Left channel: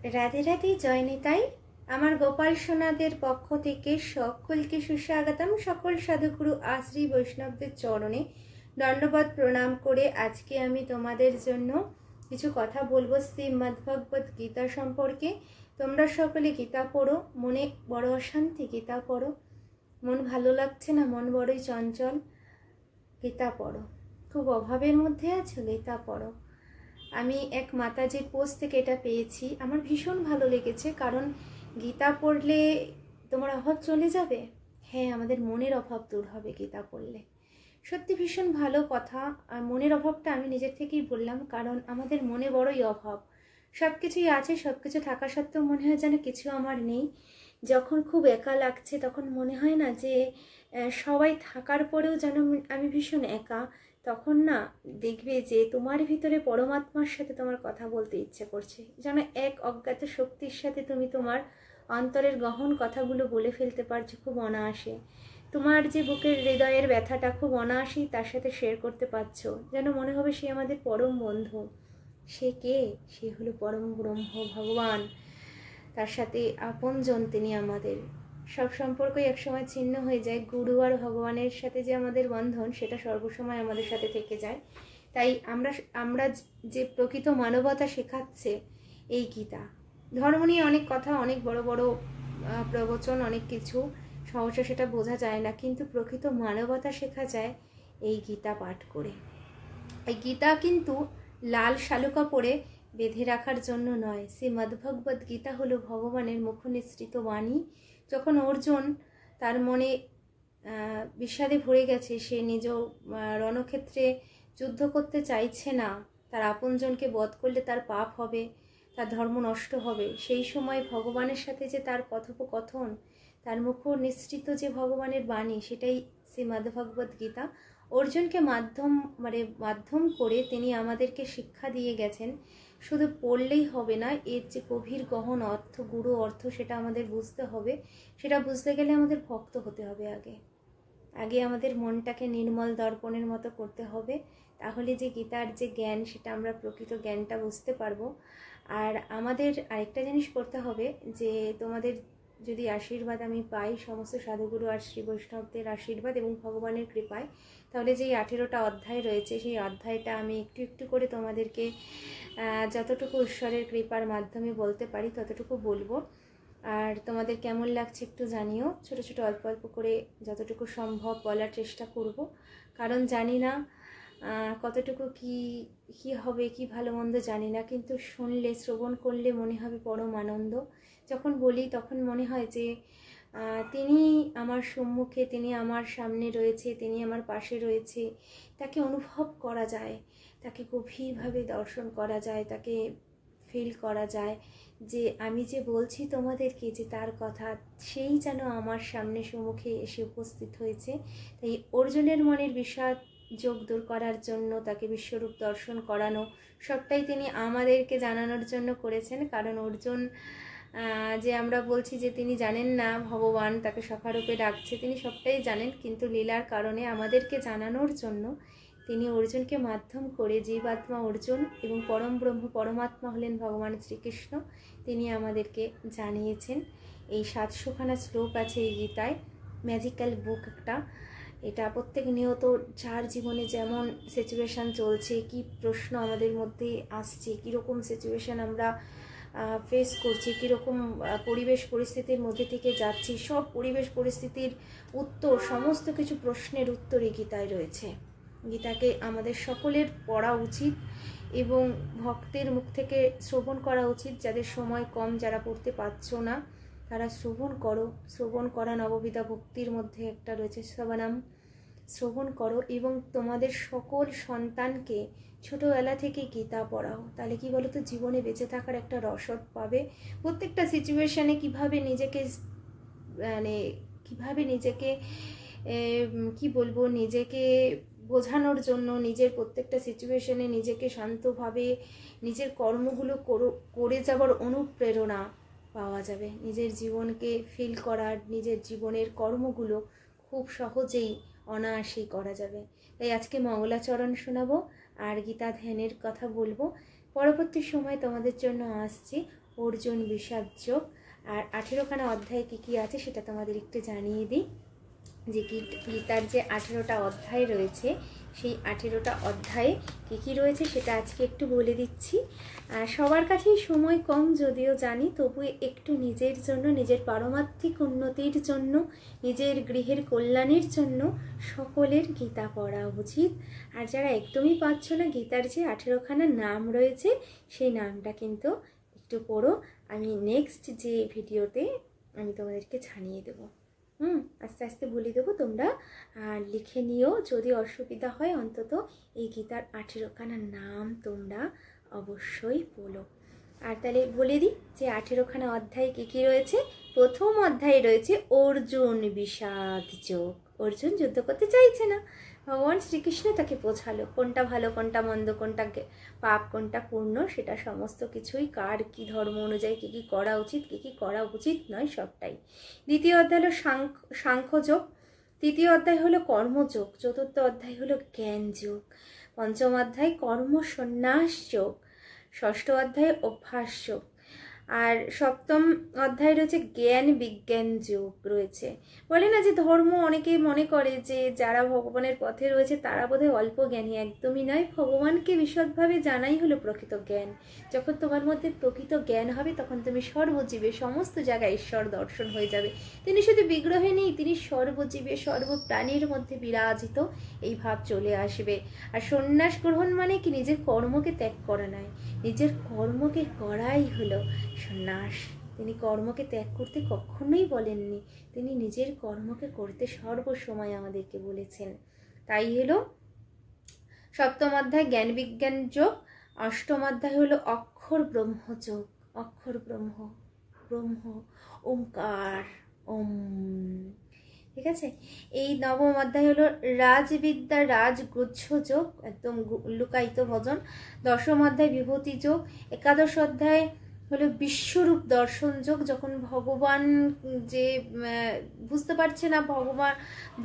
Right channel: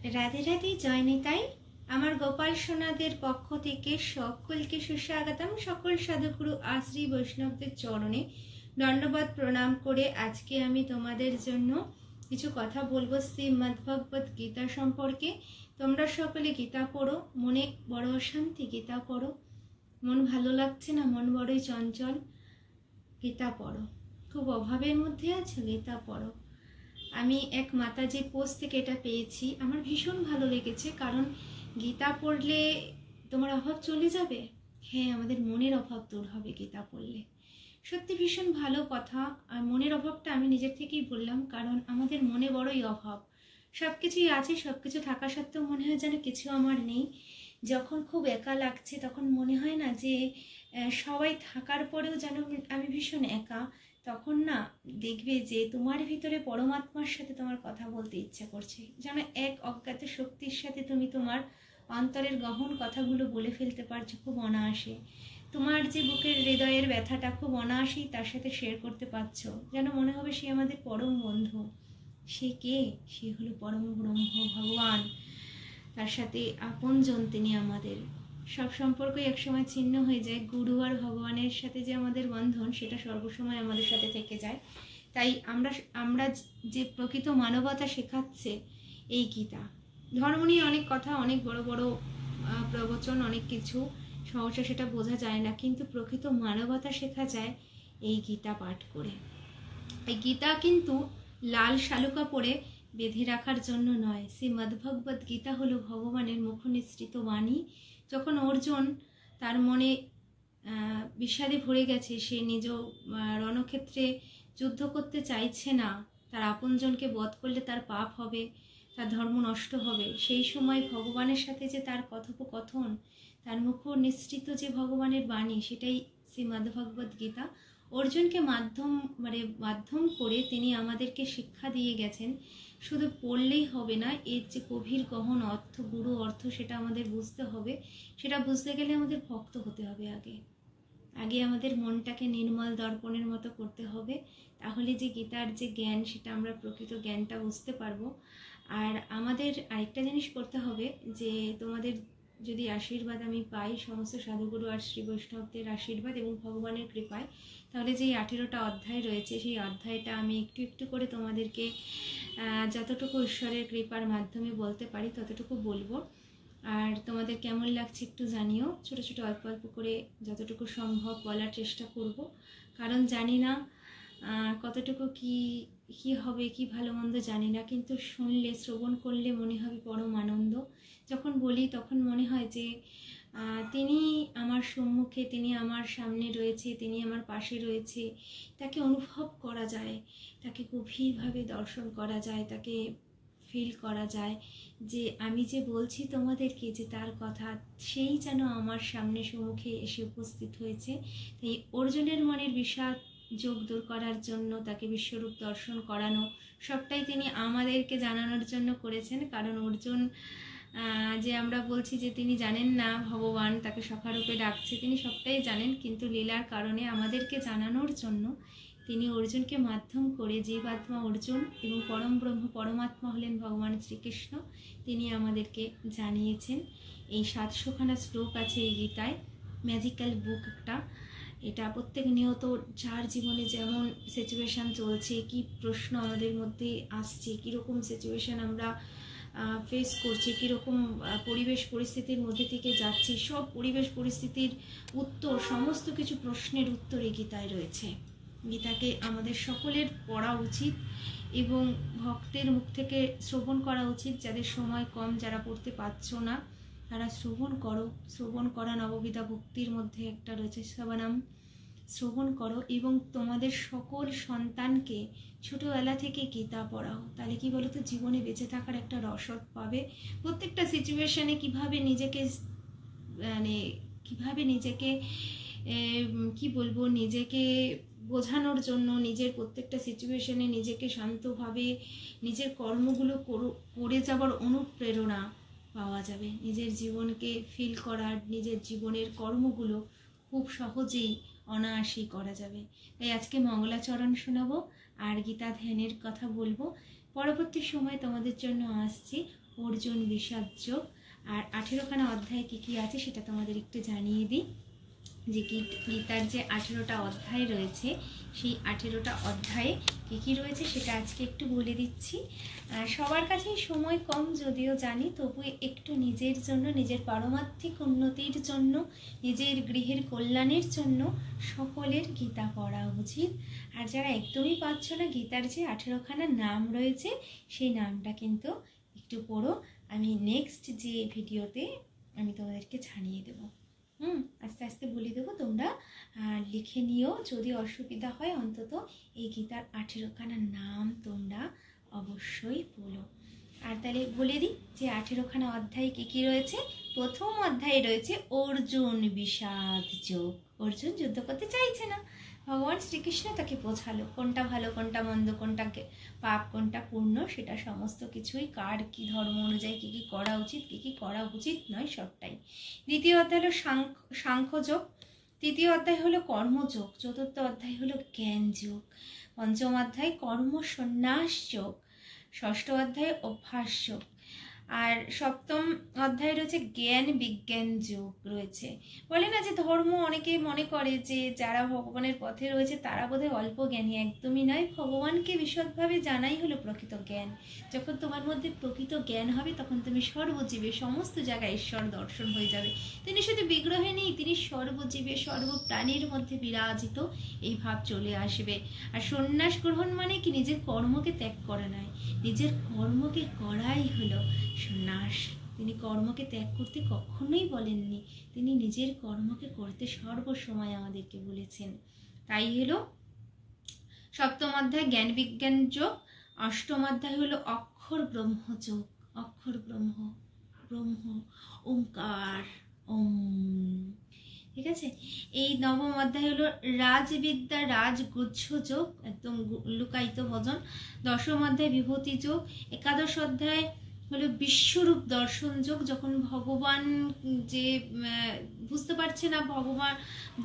রাধে রাধে, জয় নিতাই। আমার গোপাল সোনাদের পক্ষ থেকে সকলকে সুস্বাগতম। সকল সাধুগুরু আশ্রী বৈষ্ণবদের চরণে দণ্ডবত প্রণাম করে আজকে আমি তোমাদের জন্য কিছু কথা বলবো শ্রীমদ্ভগবত গীতা সম্পর্কে। তোমরা সকলে গীতা পড়ো, মনে বড় অশান্তি, গীতা পড়ো। মন ভালো লাগছে না, মন বড়ই চঞ্চল, গীতা পড়ো। খুব অভাবের মধ্যে আছো, গীতা পড়ো। আমি এক মাতাজির পোস্ট থেকে এটা পেয়েছি, আমার ভীষণ ভালো লেগেছে। কারণ গীতা পড়লে তোমার অভাব চলে যাবে। হ্যাঁ, আমাদের মনের অভাব দূর হবে গীতা পড়লে। সত্যি ভীষণ ভালো কথা। আর মনের অভাবটা আমি নিজের থেকেই বললাম, কারণ আমাদের মনে বড়ই অভাব। সব কিছুই আছে, সব কিছু থাকা সত্ত্বেও মনে হয় যেন কিছু আমার নেই। যখন খুব একা লাগছে তখন মনে হয় না যে সবাই থাকার পরেও যেন আমি ভীষণ একা। তখন না দেখবে যে তোমার ভিতরে পরমাত্মার সাথে তোমার কথা বলতে ইচ্ছে করছে, যেন এক অজ্ঞাত শক্তির সাথে তুমি তোমার অন্তরের গহন কথাগুলো বলে ফেলতে পারছো খুব অনায়াসে। তোমার যে বুকের হৃদয়ের ব্যথাটা খুব অনায়াসেই তার সাথে শেয়ার করতে পারছো, যেন মনে হবে সে আমাদের পরম বন্ধু। সে কে? সে হলো পরম ব্রহ্ম ভগবান। তার সাথে আপনজন তিনি। আমাদের সব সম্পর্কই একসময় ছিন্ন হয়ে যায়, গুরু আর ভগবানের সাথে যে আমাদের বন্ধন সেটা সর্বসময় আমাদের সাথে থেকে যায়। তাই আমরা যে প্রকৃত মানবতা শেখাচ্ছে এই গীতা। ধর্ম নিয়ে অনেক কথা, অনেক বড় বড় প্রবচন, অনেক কিছু সহজে সেটা বোঝা যায় না, কিন্তু প্রকৃত মানবতা শেখা যায় এই গীতা পাঠ করে। এই গীতা কিন্তু লাল শালুকা পরে বেঁধে রাখার জন্য নয়। শ্রীমদ্ভগবত গীতা হলো ভগবানের মুখনিসৃত বাণী। যখন অর্জুন তার মনে বিষাদে ভরে গেছে, সে নিজ রণক্ষেত্রে যুদ্ধ করতে চাইছে না, তার আপনজনকে বধ করলে তার পাপ হবে, তার ধর্ম নষ্ট হবে, সেই সময় ভগবানের সাথে যে তার কথোপকথন, তার মুখ নিঃসৃত যে ভগবানের বাণী, সেটাই শ্রীমদ্ভগবত গীতা। অর্জুনকে মাধ্যম করে তিনি আমাদেরকে শিক্ষা দিয়ে গেছেন। শুধু পড়লেই হবে না, এর যে গভীর গহন অর্থ, গুরু অর্থ, সেটা আমাদের বুঝতে হবে। সেটা বুঝতে গেলে আমাদের ভক্ত হতে হবে। আগে আমাদের মনটাকে নির্মল দর্পণের মতো করতে হবে, তাহলে যে গীতার যে জ্ঞান, সেটা আমরা প্রকৃত জ্ঞানটা বুঝতে পারবো। আর আমাদের আরেকটা জিনিস করতে হবে, যে তোমাদের যদি আশীর্বাদ আমি পাই, সমস্ত সাধুগুরু আর শ্রী বৈষ্ণবদের আশীর্বাদ এবং ভগবানের কৃপায়, তাহলে যেই 18টা অধ্যায় রয়েছে, সেই অধ্যায়টা আমি একটু একটু করে তোমাদেরকে যতটুকু ঈশ্বরের কৃপার মাধ্যমে বলতে পারি ততটুকু বলবো। আর তোমাদের কেমন লাগছে একটু জানিও। ছোট ছোট অল্প অল্প করে যতটুকু সম্ভব বলার চেষ্টা করব, কারণ জানি না কতটুকু কি হবে, কি ভালো মন্দ জানি না, কিন্তু শুনলে, শ্রবণ করলে মনে হবে পরম আনন্দ। যখন বলি তখন মনে হয় যে তিনি আমার সম্মুখে, তিনি আমার সামনে রয়েছে, তিনি আমার পাশে রয়েছে। তাকে অনুভব করা যায়, তাকে গভীরভাবে দর্শন করা যায়, তাকে ফিল করা যায় যে আমি যে বলছি তোমাদেরকে যে তার কথা, সেই যেন আমার সামনে সম্মুখে এসে উপস্থিত হয়েছে। তাই অর্জুনের মনের বিষাদ যোগ দূর করার জন্য, তাকে বিশ্বরূপ দর্শন করানো, সবটাই তিনি আমাদেরকে জানানোর জন্য করেছেন। কারণ অর্জুন যে আমরা বলছি যে তিনি জানেন না ভগবান তাকে সখারূপে ডাকছে, তিনি সবটাই জানেন, কিন্তু লীলার কারণে আমাদেরকে জানানোর জন্য তিনি অর্জুনকে মাধ্যম করে, জীবাত্মা অর্জুন এবং পরম ব্রহ্ম পরমাত্মা হলেন ভগবান শ্রীকৃষ্ণ, তিনি আমাদেরকে জানিয়েছেন। এই 700খানা শ্লোক আছে এই গীতায়, ম্যাজিক্যাল বুক একটা। এটা প্রত্যেক নিয়ত যার জীবনে যেমন সিচুয়েশান চলছে, কি প্রশ্ন আমাদের মধ্যে আসছে, কীরকম সিচুয়েশান আমরা ফেস করছি, কীরকম পরিবেশ পরিস্থিতির মধ্যে থেকে যাচ্ছি, সব পরিবেশ পরিস্থিতির উত্তর, সমস্ত কিছু প্রশ্নের উত্তর এই গীতায় রয়েছে। গীতাকে আমাদের সকলের পড়া উচিত এবং ভক্তের মুখ থেকে শ্রবণ করা উচিত। যাদের সময় কম, যারা পড়তে পারছো না, তারা শ্রবণ করো। শ্রবণ করা নববিধা ভক্তির মধ্যে একটা রয়েছে, শ্রবণাম। শ্রবণ করো এবং তোমাদের সকল সন্তানকে ছোটোবেলা থেকে গীতা পড়াও। তাহলে কি বলো তো, জীবনে বেঁচে থাকার একটা রসদ পাবে। প্রত্যেকটা সিচুয়েশানে কীভাবে নিজেকে কি বলবো, নিজেকে বোঝানোর জন্য, নিজের প্রত্যেকটা সিচুয়েশনে নিজেকে শান্তভাবে নিজের কর্মগুলো করে যাবার অনুপ্রেরণা পাওয়া যাবে। নিজের জীবনকে ফিল করার, নিজের জীবনের কর্মগুলো খুব সহজেই অনায়াসেই করা যাবে। তাই আজকে মঙ্গলাচরণ শোনাবো আর গীতা ধ্যানের কথা বলবো। পরবর্তী সময় তোমাদের জন্য আসছি অর্জুন বিষাদ যোগ। আর 18খানা অধ্যায়ে কী কী আছে সেটা তোমাদের একটু জানিয়ে দিই। যে গীতার যে 18টা অধ্যায় রয়েছে সেই 18টা অধ্যায়ে কী কী রয়েছে সেটা আজকে একটু বলে দিচ্ছি। সবার কাছেই সময় কম যদিও জানি, তবু একটু নিজের জন্য, নিজের পারমার্থিক উন্নতির জন্য, নিজের গৃহের কল্যাণের জন্য সকলের গীতা পড়া উচিত। আর যারা একদমই পাচ্ছ না, গীতার যে 18খানা নাম রয়েছে সেই নামটা কিন্তু একটু পড়ো। আমি নেক্সট যে ভিডিওতে আমি তোমাদেরকে জানিয়ে দেবো। আস্তে আস্তে বলে দেবো, তোমরা লিখে নিও। যদি অসুবিধা হয় অন্তত এই গীতার 18খানা নাম তোমরা অবশ্যই বলো। আর তাহলে বলে দিই যে 18খানা অধ্যায়ে কী কী রয়েছে। প্রথম অধ্যায়ে রয়েছে অর্জুন বিষাদ যোগ। অর্জুন যুদ্ধ করতে চাইছে না, ভগবান শ্রীকৃষ্ণ তাকে বোঝালো কোনটা ভালো, কোনটা মন্দ, কোনটা পাপ, কোনটা পূর্ণ, সেটা সমস্ত কিছুই কার কী ধর্ম অনুযায়ী কী কী করা উচিত, কী কী করা উচিত নয়, সবটাই। দ্বিতীয় অধ্যায় হলো সাংখ্যযোগ। তৃতীয় অধ্যায় হলো কর্মযোগ। চতুর্থ অধ্যায় হলো জ্ঞান যোগ। পঞ্চম অধ্যায় কর্ম সন্ন্যাস যোগ। ষষ্ঠ অধ্যায় অভ্যাস যোগ। আর সপ্তম অধ্যায় রয়েছে জ্ঞান বিজ্ঞান যোগ রয়েছে। বলে না যে ধর্ম, অনেকেই মনে করে যে যারা ভগবানের পথে রয়েছে তারা বোধহয় অল্প জ্ঞানী। একদমই নয়, ভগবানকে বিশদভাবে জানাই হলো প্রকৃত জ্ঞান। যখন তোমার মধ্যে প্রকৃত জ্ঞান হবে তখন তুমি সর্বজীবে সমস্ত জায়গায় ঈশ্বর দর্শন হয়ে যাবে। তিনি শুধু বিগ্রহে নেই, তিনি সর্বজীবে সর্বপ্রাণীর মধ্যে বিরাজিত, এই ভাব চলে আসবে। আর সন্ন্যাস গ্রহণ মানে কি? নিজের কর্মকে ত্যাগ করা নয়, নিজের কর্মকে করাই হলো সন্ন্যাস। তিনি কর্মকে ত্যাগ করতে কখনোই বলেননি, তিনি নিজের কর্মকে করতে সর্বসময় আমাদেরকে বলেছেন। তাই হলো সপ্তম অধ্যায় জ্ঞান বিজ্ঞান যোগ। অষ্টম অধ্যায় হলো অক্ষর ব্রহ্ম যোগ। অক্ষর ব্রহ্ম, ব্রহ্ম ওমকার, ওম। ঠিক আছে। এই নবম অধ্যায় হলো রাজবিদ্যা রাজগুচ্ছ যোগ, একদম লুকায়িত ভজন। দশম অধ্যায় বিভূতি যোগ। একাদশ অধ্যায় হলো বিশ্বরূপ দর্শন যোগ। যখন ভগবান যে বুঝতে পারছে না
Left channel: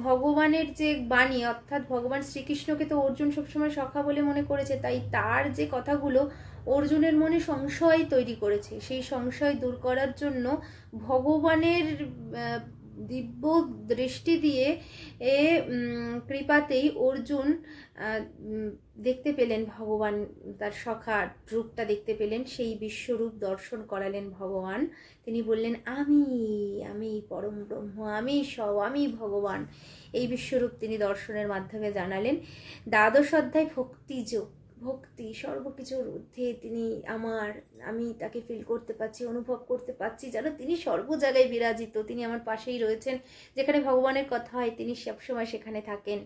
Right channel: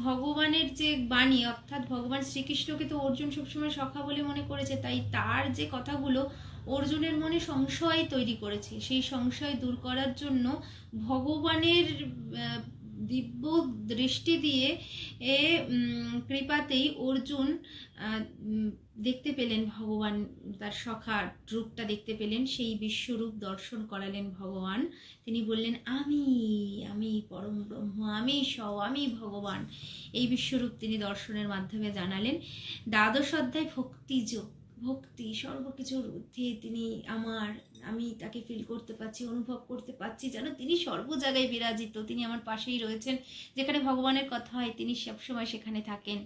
ভগবানের যে বাণী, অর্থাৎ ভগবান শ্রীকৃষ্ণকে তো অর্জুন সবসময় সখা বলে মনে করেছে, তাই তার যে কথাগুলো অর্জুনের মনে সংশয় তৈরি করেছে, সেই সংশয় দূর করার জন্য ভগবানের দিব্য দৃষ্টি দিয়ে কৃপাতেই অর্জুন দেখতে পেলেন ভগবান, তার সখার রূপটা দেখতে পেলেন, সেই বিশ্বরূপ দর্শন করালেন ভগবান। তিনি বললেন আমি পরম ব্রহ্ম, আমি ভগবান। এই বিশ্বরূপ তিনি দর্শনের মাধ্যমে জানালেন। দ্বাদশ অধ্যায় ভক্তিযোগ। ভক্তি সর্বকিছুর ঊর্ধ্বে, তিনি আমি তাকে ফিল করতে পারছি, অনুভব করতে পারছি যেন তিনি সর্ব জায়গায় বিরাজিত, তিনি আমার পাশেই রয়েছেন। যেখানে ভগবানের কথা হয় তিনি সবসময় সেখানে থাকেন।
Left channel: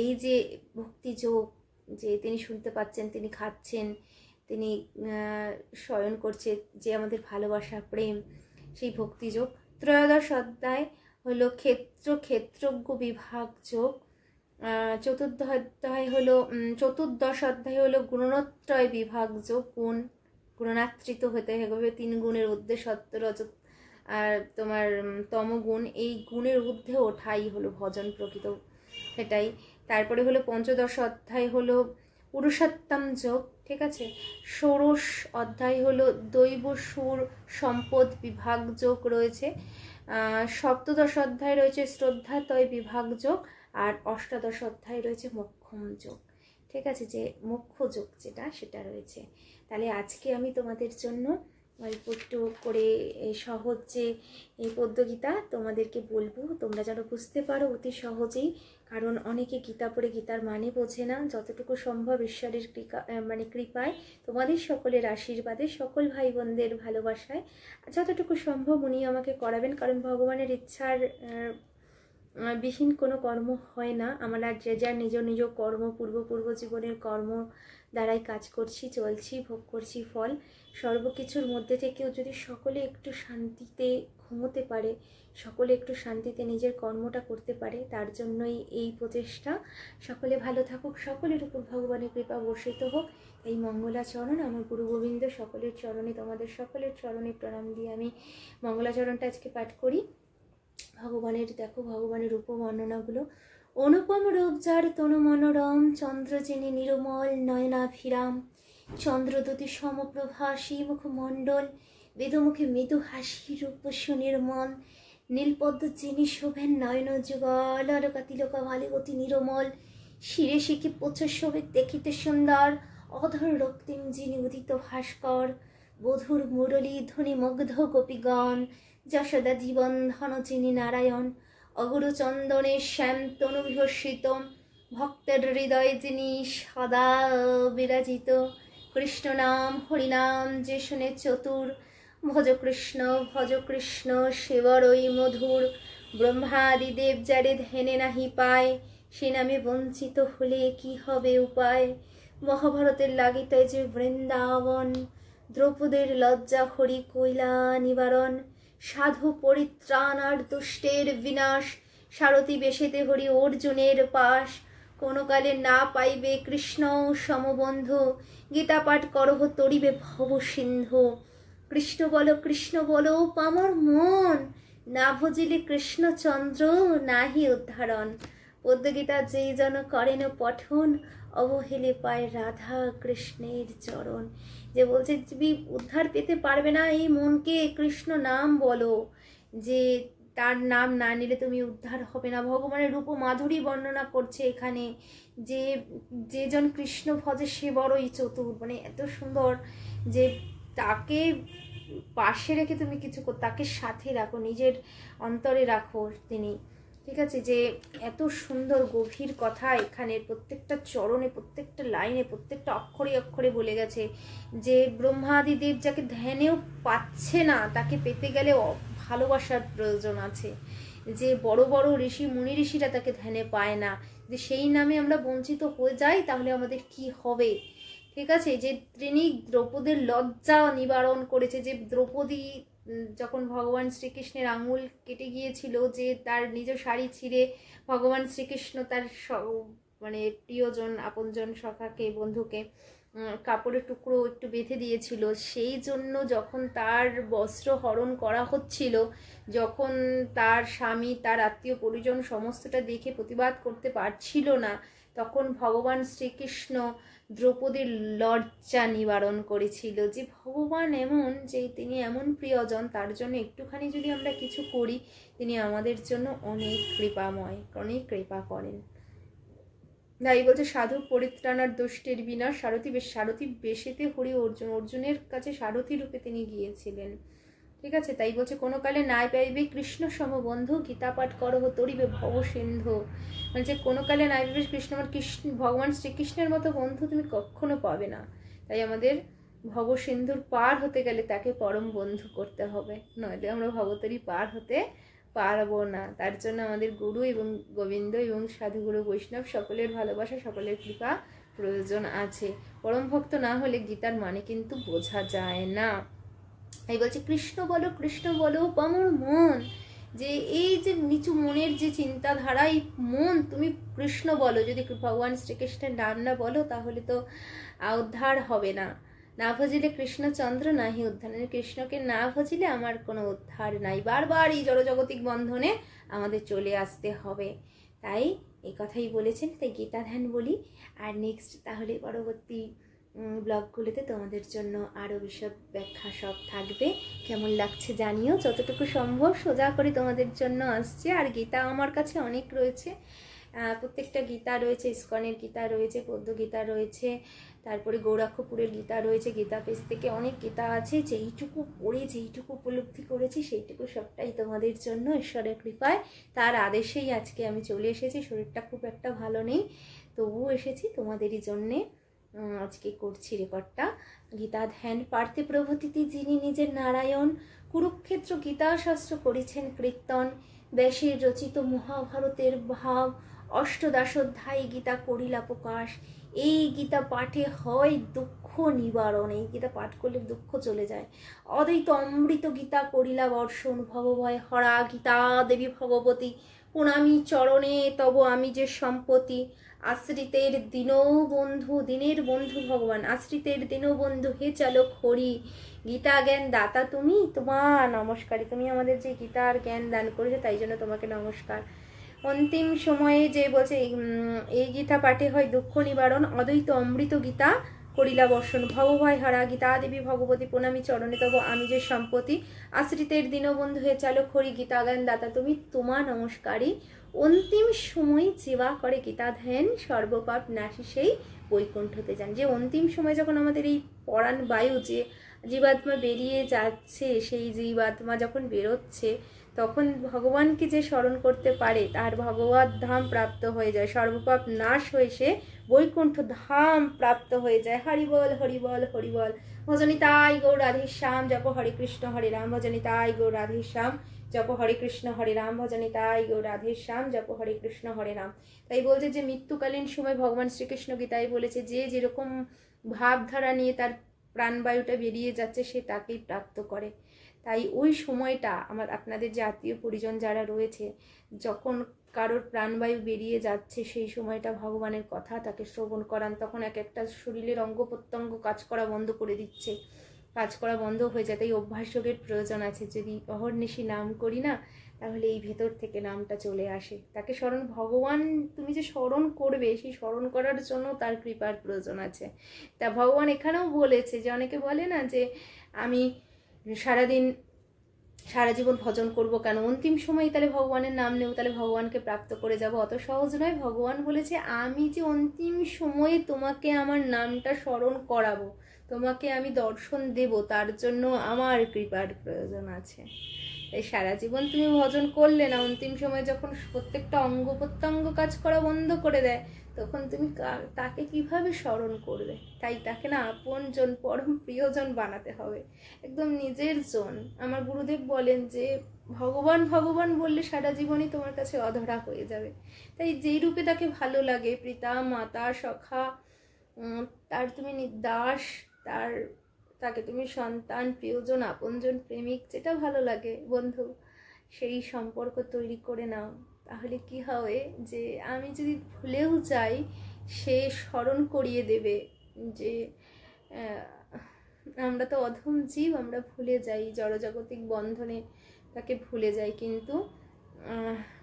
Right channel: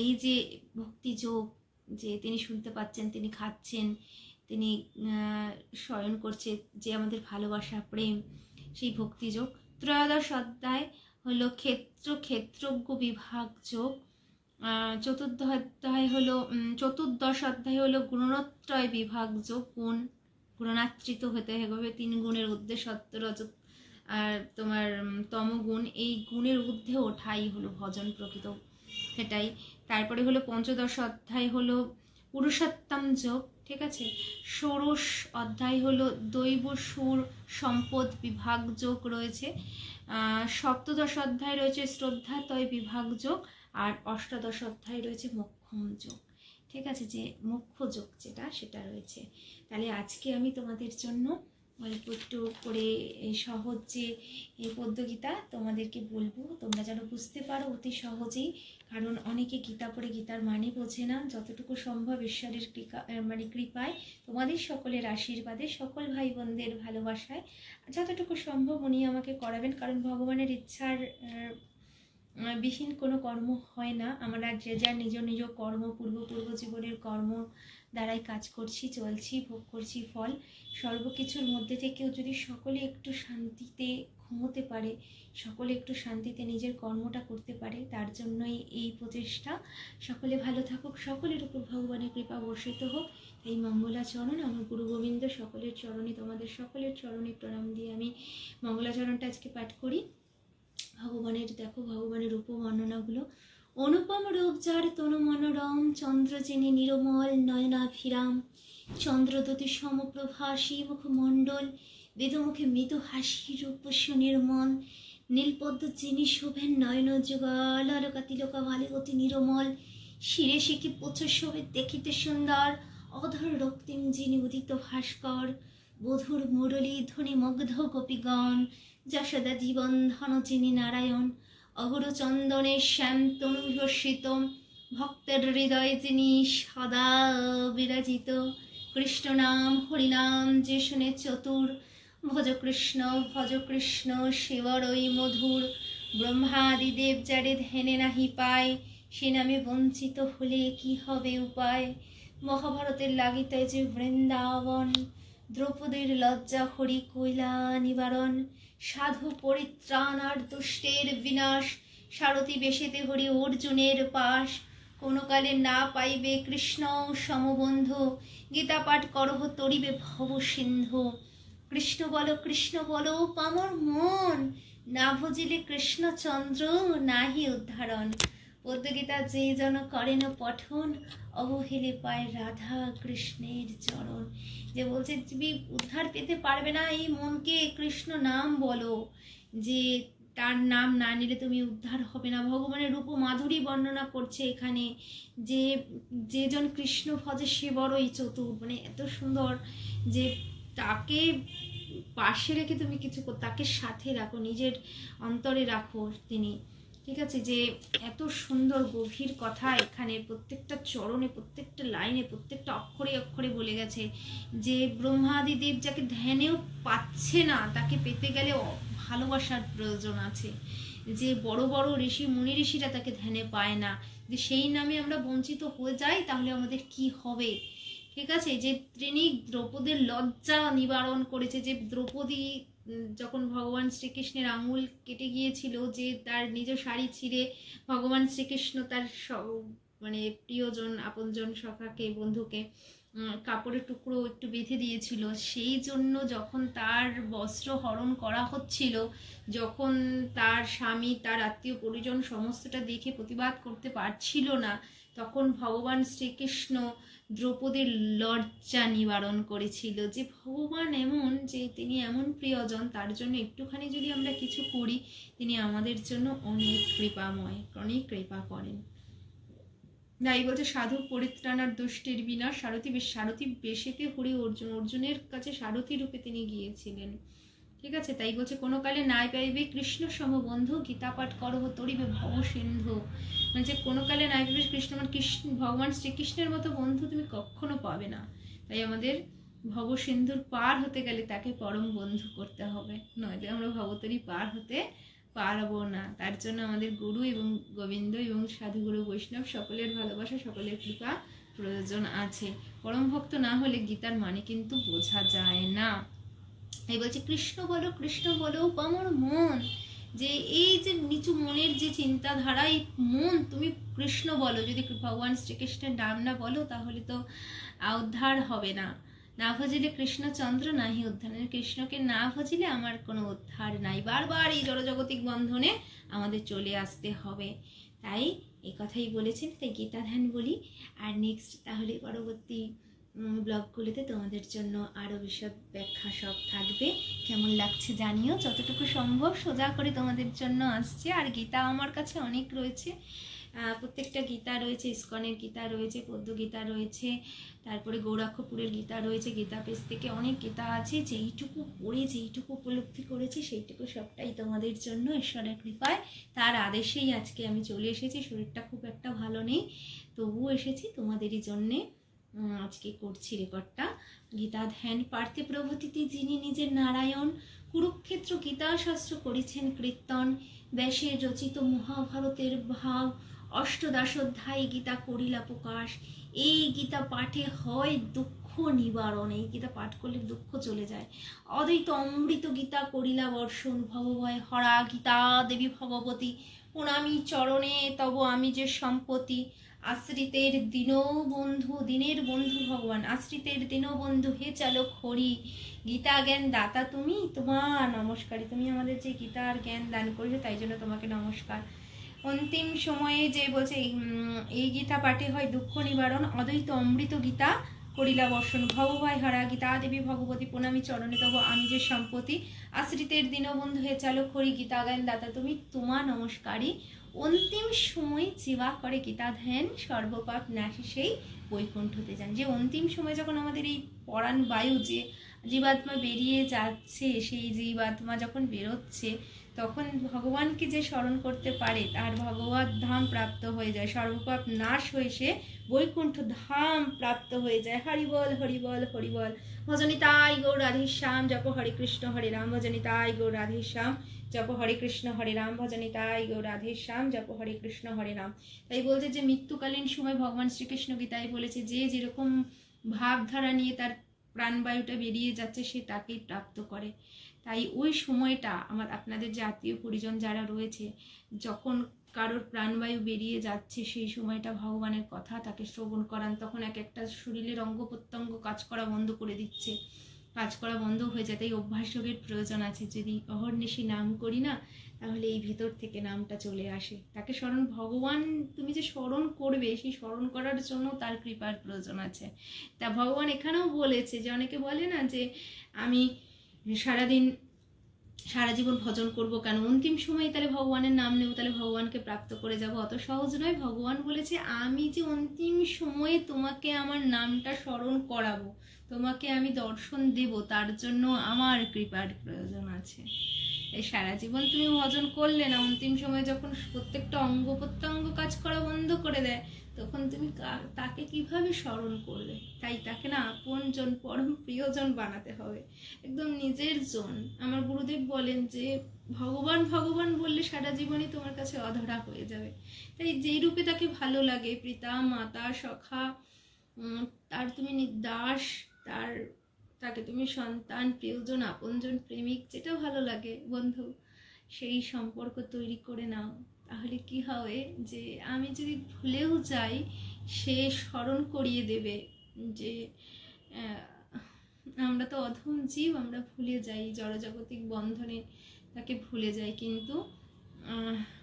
এই যে ভক্তিযোগ, যে তিনি শুনতে পাচ্ছেন, তিনি খাচ্ছেন, তিনি শয়ন করছে, যে আমাদের ভালোবাসা দর্শন, সেই ভক্তিযোগ। ত্রয়োদশ অধ্যায় হলো ক্ষেত্রজ্ঞ বিভাগ যোগ। চতুর্দশ অধ্যায় হলো গুণত্রয় বিভাগ যোগ। গুণাত্রিত হতে হবে, 3 গুণের ঊর্ধ্বে সত্য রজত আর তোমার তমগুণ, এই গুণের ঊর্ধ্বে ওঠাই হলো ভজন প্রকৃত, সেটাই। তারপরে হলো পঞ্চদশ অধ্যায় হলো পুরুষোত্তম যোগ। ঠিক আছে। ষোড়শ অধ্যায় হলো দৈব সুর সম্পদ বিভাগ যোগ রয়েছে। সপ্তদশ অধ্যায় রয়েছে শ্রদ্ধাতয় বিভাগ যোগ। আর অষ্টাদশ অধ্যায় রয়েছে মোক্ষম যোগ। ঠিক আছে, যে মোক্ষ যোগ সেটা রয়েছে। তাহলে আজকে আমি তোমাদের জন্য অল্প একটু করে সহজ যে এই পদ্মগীতা তোমাদেরকে বলবো, তোমরা যেন বুঝতে পারো অতি সহজেই। কারণ অনেকে গীতা পড়ে গীতার মানে বোঝে না। যতটুকু সম্ভব ঈশ্বরের কৃপায়, তোমাদের সকলের আশীর্বাদে, সকল ভাই বোনদের ভালোবাসায় যতটুকু সম্ভব উনি আমাকে করাবেন। কারণ ভগবানের ইচ্ছার বিহীন কোনো কর্ম হয় না। আমরা যে যার নিজ নিজ কর্ম, পূর্ব জীবনের কর্ম দ্বারাই কাজ করছি, চলছি, ভোগ করছি ফল। সর্বকিছুর মধ্যে থেকেও যদি সকলে একটু শান্তিতে ঘুমোতে পারে, সকলে একটু শান্তিতে নিজের কর্মটা করতে পারে, তার জন্যই এই প্রচেষ্টা। সকলে ভালো থাকুক, সকলের উপর ভগবানের কৃপা বর্ষিত হোক। এই মঙ্গলাচরণ আমার গুরু গোবিন্দ সকলের চরণে, তোমাদের সকলের চরণে প্রণাম দিয়ে আমি মঙ্গলাচরণটা আজকে পাঠ করি। ভগবানের উপবর্ণনাগুলো। অনুপম রূপ যার তনু মনোরম, চন্দ্র যিনি নিরমল নয়নাভিরাম, চন্দ্রদ্যুতি সমপ্রভা মুখমণ্ডল, বেদমুখে মৃদু হাসি রূপস্য নির্মল, নীলপদ্ম যিনি শোভেন নয়ন যুগল, আলোকা তিলকা ভালে অতি নিরমল, শিরে শিখি প্রচুর শোভে দেখিতে সুন্দর, অধর রক্তিম যিনি উদিত ভাস্কর, বধুর মুরলী ধ্বনি মুগ্ধ গোপীগণ, যশোদা জীবন ধন যিনি নারায়ণ, অগুরু চন্দনের শ্যাম তনু বিভূষিত, ভক্তের হৃদয়ে যিনি সদা বিরাজিত, কৃষ্ণ নাম হরিনাম যে শুনে চতুর, ভজ কৃষ্ণ সেবরই মধুর, ব্রহ্মাদি দেব যারে ধ্যানে নাহি পায়, সে নামে বঞ্চিত হলে কি হবে উপায়, মহাভারতের লাগিতে যে বৃন্দাবন, দ্রৌপদীর লজ্জা হরি কৈলা নিবারণ, সাধু পরিত্রাণ আর দুষ্টের বিনাশ, সারথি বেশেতে হরি অর্জুনের পাশ, কোনো কালে না পাইবে কৃষ্ণ সমবন্ধু, গীতা পাঠ করহ তরিবে ভব সিন্ধু, কৃষ্ণ বলো পামর মন, না ভজিলে কৃষ্ণচন্দ্র নাহি উদ্ধারণ, পদ্মগীতা যেই জন করেন পঠন, অবহেলে পায় রাধা কৃষ্ণের চরণ। যে বলছে তুমি উদ্ধার পেতে পারবে না এই মনকে, কৃষ্ণ নাম বলো, যে তার নাম না নিলে তুমি উদ্ধার হবে না। ভগবানের রূপ মাধুরী বর্ণনা করছে এখানে, যে যেজন কৃষ্ণ ভজে সে বড়ই চতুর, মানে এত সুন্দর যে তাকে পাশে রেখে তুমি কিছু তাকে সাথে রাখো, নিজের অন্তরে রাখো তিনি, ঠিক আছে। যে এত সুন্দর গভীর কথা এখানে প্রত্যেকটা চরণে, প্রত্যেকটা লাইনে, প্রত্যেকটা অক্ষরে অক্ষরে বলে গেছে, যে ব্রহ্মাদি দেব যাকে ধ্যানেও পাচ্ছে না, তাকে পেতে গেলে ভালোবাসার প্রয়োজন আছে, যে বড় বড় ঋষি মুনি ঋষিরা তাকে ধ্যানে পায় না, যে সেই নামে আমরা বঞ্চিত হয়ে যাই তাহলে আমাদের কি হবে, ঠিক আছে। যে তিনি দ্রৌপদীর লজ্জা নিবারণ করেছে, যে দ্রৌপদী যখন ভগবান শ্রীকৃষ্ণের আঙুল কেটে গিয়েছিল, যে তার নিজ শাড়ি ছিঁড়ে ভগবান শ্রীকৃষ্ণ তার মানে প্রিয়জন আপনজন সখাকে বন্ধুকে কাপড়ের টুকরো একটু বেঁধে দিয়েছিল, সেই জন্য যখন তার বস্ত্র হরণ করা হচ্ছিল, যখন তার স্বামী তার আত্মীয় পরিজন সমস্তটা দেখে প্রতিবাদ করতে পারছিল না, তখন ভগবান শ্রীকৃষ্ণ দ্রৌপদীর লজ্জা নিবারণ করেছিল, যে ভগবান এমন, যে তিনি এমন প্রিয়জন, তার জন্য একটুখানি যদি আমরা কিছু করি তিনি আমাদের জন্য অনেক কৃপাময়, অনেক কৃপা করেন। তাই বলছে সাধু পরিত্রাণার দুষ্টের বিনাশ, সারথি বেশেতে হরি অর্জুনের কাছে সারথি রূপে তিনি গিয়েছিলেন, ঠিক আছে। তাই বলছে কোনো কালে নাই পাইবে কৃষ্ণ সমবন্ধু, গীতা পাঠ করহ তরিবে ভব সিন্ধু, মানে যে কোনো কালে নাই পাইবে কৃষ্ণ ভগবান শ্রীকৃষ্ণের মতো বন্ধু তুমি কখনো পাবে না। তাই আমাদের ভব সিন্ধুর পার হতে গেলে তাকে পরম বন্ধু করতে হবে, নইলে আমরা ভবতরী পার হতে পারবো না। তার জন্য আমাদের গুরু এবং গোবিন্দ এবং সাধুগুরু বৈষ্ণব সকলের ভালোবাসা, সকলের কৃপা প্রয়োজন আছে। পরম ভক্ত না হলে গীতার মানে কিন্তু বোঝা যায় না। এই বলছে কৃষ্ণ বলো পামর মন, যে এই যে নিচু মনের যে চিন্তাধারা, এই মন তুমি কৃষ্ণ বলো, যদি ভগবান শ্রীকৃষ্ণের নাম না বলো তাহলে তো উদ্ধার হবে না। না ভজিলে কৃষ্ণচন্দ্র নাহি উদ্ধার, কৃষ্ণকে না ভজিলে আমার কোনো উদ্ধার নাই, বারবার এই জড়জগতিক বন্ধনে আমাদের চলে আসতে হবে। তাই এই কথাই বলেছেন, তাই গীতা ধ্যান বলি। আর নেক্সট তাহলে পরবর্তী ব্লগগুলোতে তোমাদের জন্য আরও বিশদ ব্যাখ্যা সব থাকবে। কেমন লাগছে জানিও, যতটুকু সম্ভব সোজা করে তোমাদের জন্য আসছে। আর গীতা আমার কাছে অনেক রয়েছে, প্রত্যেকটা গীতা রয়েছে, ইস্কনের গীতা রয়েছে, পদ্মগীতা রয়েছে, তারপরে গৌরাক্ষপুরের গীতা রয়েছে, গীতা পেজ থেকে অনেক গীতা আছে। যেইটুকু পড়ে যেইটুকু উপলব্ধি করেছি সেইটুকু সবটাই তোমাদের জন্য ঈশ্বরের কৃপায়, তার আদেশেই আজকে আমি চলে এসেছি। শরীরটা খুব একটা ভালো নেই, তবুও এসেছি তোমাদেরই জন্যে। আজকে করছি রেকর্ডটা। গীতা ধ্যান পার্থে প্রভৃতিতে যিনি নিজের নারায়ণ, কুরুক্ষেত্র গীতাশাস্ত্র করেছেন কীর্তন, ব্যাসের রচিত মহাভারতের ভাব, অষ্টদশোধ্যায়ী গীতা করিলা প্রকাশ। এই গীতা পাঠে হয় দুঃখ নিবারণ, এই গীতা পাঠ করলে দুঃখ চলে যায়। অদ্বৈত অমৃত গীতা করিলা বর্ষণ, ভবভয় হরা গীতা দেবী ভগবতী, প্রণামী চরণে তব আমি যে সম্পত্তি। আশ্রিতের দীনবন্ধু, দিনের বন্ধু ভগবান, আশ্রিতের দীনবন্ধু হে চালক হরি, গীতা জ্ঞান দাতা তুমি, তোমার নমস্কারী। তুমি আমাদের যে গীতার জ্ঞান দান করেছো তাই জন্য তোমাকে নমস্কার। অন্তিম সময়ে যে বলছে এই গীতা পাঠে হয় দুঃখ নিবারণ, অদ্বৈত অমৃত গীতা করিলা বর্ষণ ভবভয় হারা গীতা দেবী ভগবতী প্রণামী চরণে তব আমি যে সম্পত্তি আশ্রিতের দীনবন্ধু হে চালক হরি গীতা গান দাতা তুমি তোমা নমস্কারী অন্তিম সময় জীবা করে গীতা ধ্যান সর্বপাপ নাশী সেই বৈকুণ্ঠতে যান। যে অন্তিম সময় যখন আমাদের এই পরাণ বায়ু যে জীবাত্মা বেরিয়ে যাচ্ছে, সেই জীবাত্মা যখন বেরোচ্ছে তখন ভগবানকে যে স্মরণ করতে পারে তার ভগবত ধাম প্রাপ্ত হয়ে যায়, সর্বপাপ নাশ হয়ে সে বৈকুণ্ঠ ধাম প্রাপ্ত হয়ে যায়। হরিবল হরিবল হরিবল ভজনিতাই গৌর রাধে শ্যাম জপ হরে কৃষ্ণ হরে রাম ভজনিতাই গৌর রাধে শ্যাম জপ হরে কৃষ্ণ হরে রাম ভজনিতাই গৌর রাধে শ্যাম জপ হরে কৃষ্ণ হরে রাম। তাই বলছে যে মৃত্যুকালীন সময় ভগবান শ্রীকৃষ্ণ গীতায় বলেছে যে যেরকম ভাবধারা নিয়ে তার প্রাণবায়ুটা বেরিয়ে যাচ্ছে সে তাকেই প্রাপ্ত করে। তাই ওই সময়টা আপনাদের যে আত্মীয় পরিজন যারা রয়েছে, যখন কারোর প্রাণবায়ু বেরিয়ে যাচ্ছে সেই সময়টা ভগবানের কথা তাকে শ্রবণ করান, তখন এক একটা শরীরের অঙ্গ প্রত্যঙ্গ কাজ করা বন্ধ করে দিচ্ছে, কাজ করা বন্ধ হয়ে যায়। তাই অভ্যাস যোগের প্রয়োজন আছে। যদি অহর্নিশি নাম করি না তাহলে এই ভেতর থেকে নামটা চলে আসে। তাকে স্মরণ, ভগবান তুমি যে স্মরণ করবে সেই স্মরণ করার জন্য তার কৃপার প্রয়োজন আছে। তা ভগবান এখানেও বলেছে যে অনেকে বলে না যে আমি সারা জীবন ভজন করব কেন, অন্তিম সময় তাহলে ভগবানের নাম নেব তাহলে ভগবানকে প্রাপ্ত করে যাব। অত সহজ নয়। ভগবান বলেছে আমি যে অন্তিম সময়ে তোমাকে আমার নামটা স্মরণ করাবো, তোমাকে আমি দর্শন দেব, তার জন্য আমার কৃপার প্রয়োজন আছে। এই সারা জীবন তুমি ভজন করলে না, অন্তিম সময় যখন প্রত্যেকটা অঙ্গ প্রত্যঙ্গ কাজ করা বন্ধ করে দেয় তখন তুমি তাকে কিভাবে স্মরণ করবে? তাই তাকে না আপনজন পরম প্রিয়জন বানাতে হবে, একদম নিজের জন। আমার গুরুদেব বলেন যে ভগবান ভগবান বললে সারা জীবনই তোমার কাছে অধরা হয়ে যাবে। তাই যেই রূপে তাকে ভালো লাগে, পিতা মাতা সখা, তার তুমি দাস, তাকে তুমি সন্তান, প্রিয়জন, আপনজন, প্রেমিক, যেটা ভালো লাগে বন্ধু, সেই সম্পর্ক তৈরি করে নাও। তাহলে কি হবে যে আমি যদি ভুলেও যাই সে স্মরণ করিয়ে দেবে যে আমরা তো অধম জীব, আমরা ভুলে যাই, জড়জাগতিক বন্ধনে তাকে ভুলে যাই, কিন্তু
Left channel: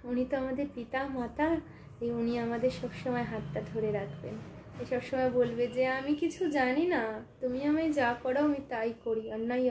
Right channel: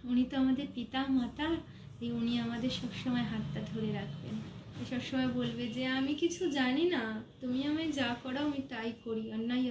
উনি তো আমাদের পিতা মাতা, উনি আমাদের সবসময় হাতটা ধরে রাখবেন, সবসময় বলবে যে আমি কিছু জানি না, তুমি আমায় যা করাও আমি তাই করি, অন্যায়